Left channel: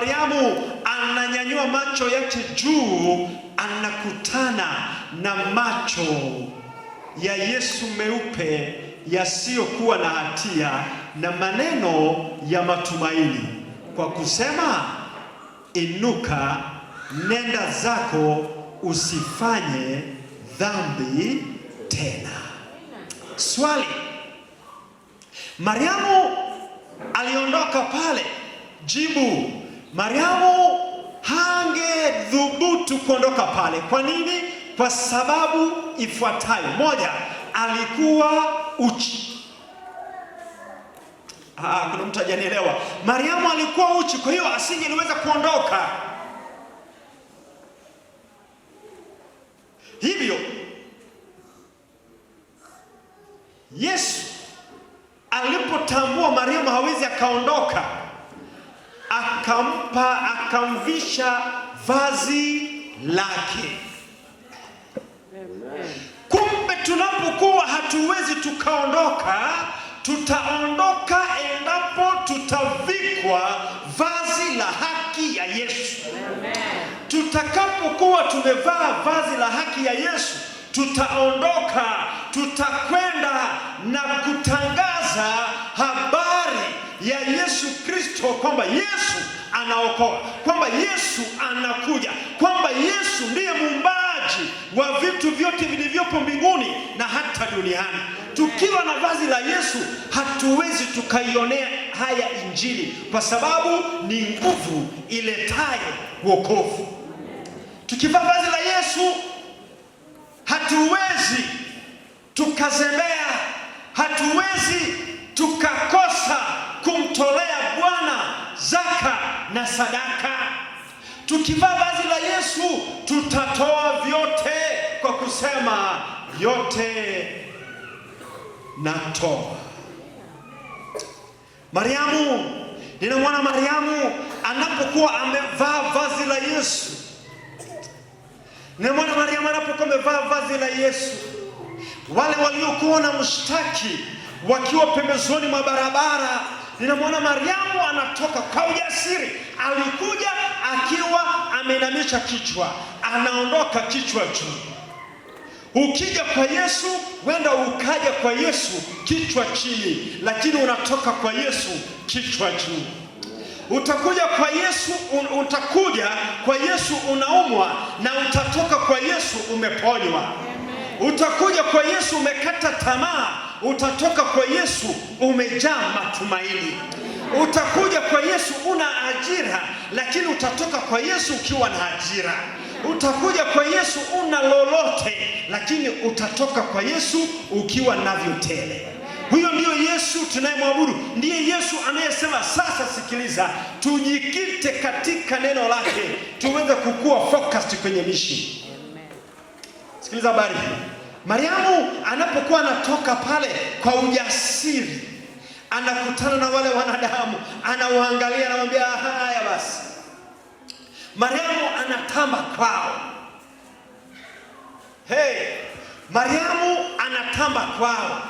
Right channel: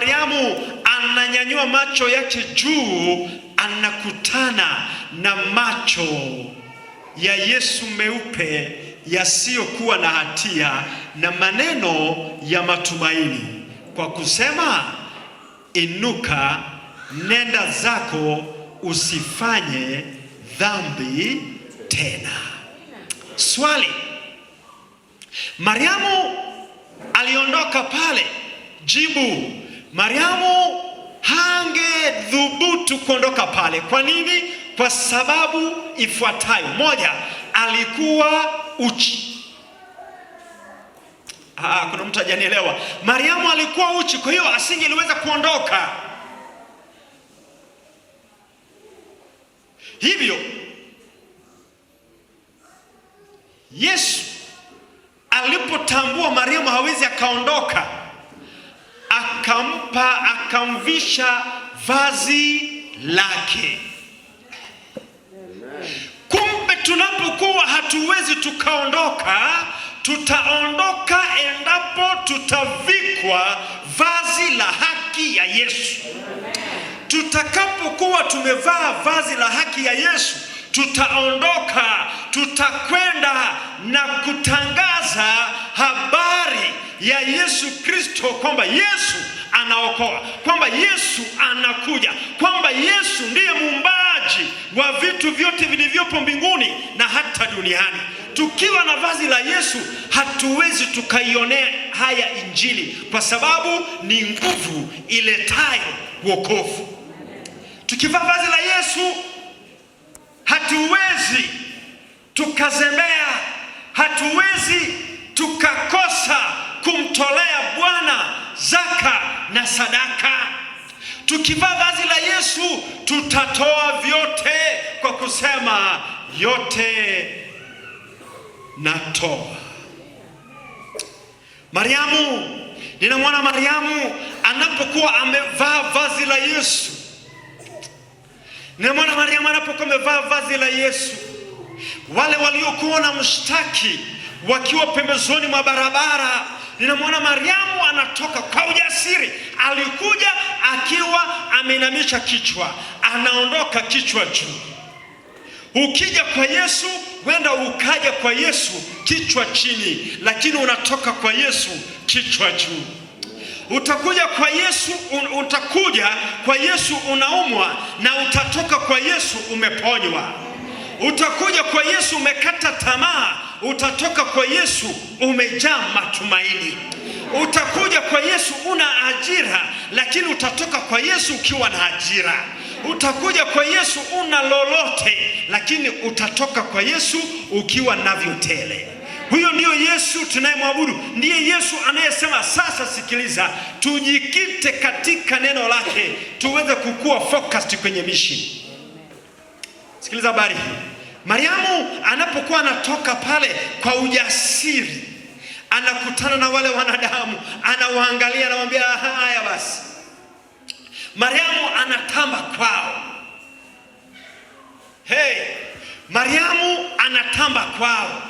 Mariamu ananyanyua macho yake juu, anakutana na macho ya Yesu meupe yasiyokuwa na hatia na maneno ya matumaini kwa kusema, inuka, nenda zako, usifanye dhambi tena. Swali: Mariamu aliondoka pale. Jibu: Mariamu hangedhubutu kuondoka pale. Kwa nini? Kwa sababu ifuatayo. Moja, alikuwa uchi. Kuna mtu hajanielewa. Mariamu alikuwa uchi, kwa hiyo asingeweza kuondoka. Hivyo Yesu alipotambua Mariamu hawezi akaondoka, akamvisha vazi lake. Kumbe tunapokuwa hatuwezi tukaondoka, tutaondoka endapo tutavikwa vazi la haki ya Yesu. Tutakapokuwa tumevaa vazi la haki ya Yesu, tutaondoka, tutakwenda na kutangaza habari ya Yesu Kristo, kwamba Yesu anaokoa, kwamba Yesu anakuja, kwamba Yesu ndiye muumbaji wa vitu vyote vilivyopo mbinguni na hata duniani. Tukiwa na vazi la Yesu hatuwezi tukaionea haya Injili, kwa sababu ni nguvu iletayo wokovu. Tukivaa vazi la Yesu hatuwezi tukazembea, hatuwezi tukakosa kumtolea Bwana zaka na sadaka. Tukivaa vazi la Yesu tutatoa vyote kwa kusema, yote natoa. Mariamu, ninamwona Mariamu anapokuwa amevaa vazi la Yesu. Ninamwona Mariamu anapokuwa amevaa vazi la Yesu. Wale waliokuwa na mshtaki wakiwa pembezoni mwa barabara, ninamwona Mariamu anatoka kwa ujasiri. Alikuja akiwa ameinamisha kichwa, anaondoka kichwa juu. Ukija kwa Yesu, wenda ukaja kwa Yesu kichwa chini, lakini unatoka kwa Yesu kichwa juu. Utakuja kwa Yesu unaumwa, na utatoka kwa Yesu umeponywa. Utakuja kwa Yesu umekata tamaa, utatoka kwa Yesu umejaa matumaini. Utakuja kwa Yesu una ajira, lakini utatoka kwa Yesu ukiwa na ajira. Utakuja kwa Yesu una lolote, lakini utatoka kwa Yesu ukiwa navyo tele. Huyo ndiyo Yesu tunayemwabudu. Ndiye Yesu anayesema, sasa sikiliza, tujikite katika neno lake tuweze kukua focused kwenye mission. Sikiliza habari hii. Mariamu anapokuwa anatoka pale kwa ujasiri, anakutana na wale wanadamu, anawaangalia, anamwambia, haya basi. Mariamu anatamba kwao. Mariamu anatamba kwao.